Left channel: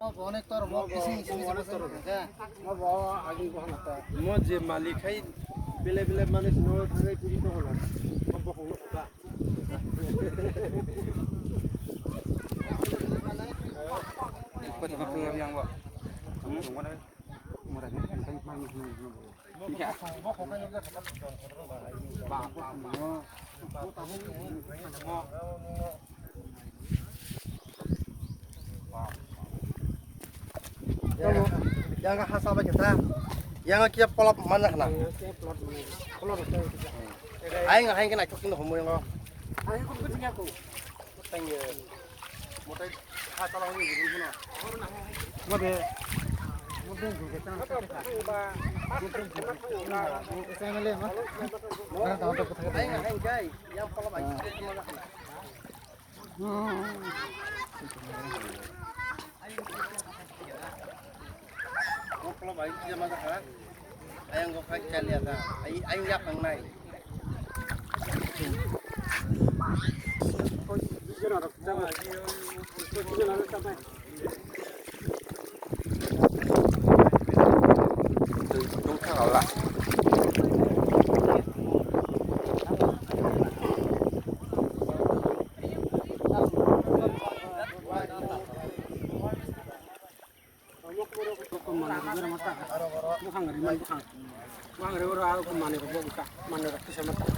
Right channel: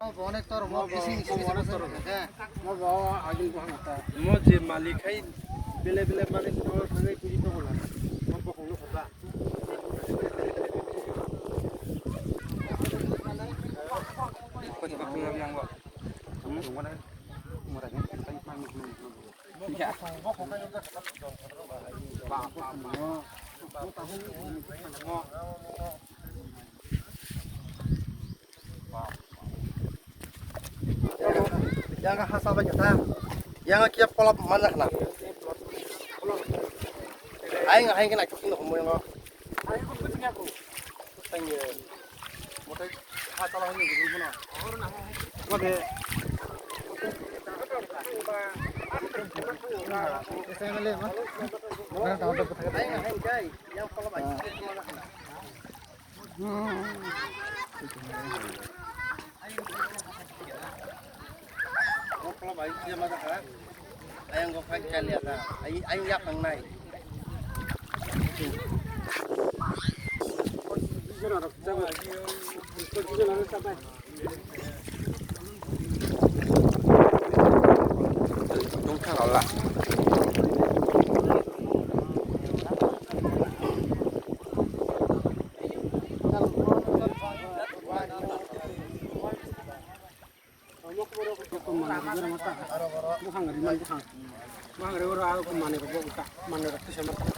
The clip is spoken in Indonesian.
Mo je malikai bele bele mani sino thangai puri to hola mo bokong no khata ko ta ko yang ba mo ra no kai mani ya mo ko kai ga khata ba ko yang hasa ba jota yang kia polop mana kana aing aing kena kuking homo ngo aing kun kunya ko tanye motai hasa ba ni guru na ngabe aing aing kai yang polop aing mana kana kalau baik dia masak kan, ayam gua pakai lihat lah, ayam yak yang naik. Đúng thảo lại. Bukan ngeriman bukan. Bukan ngeri orang aku mana kebok tak mana rakyat sama tak.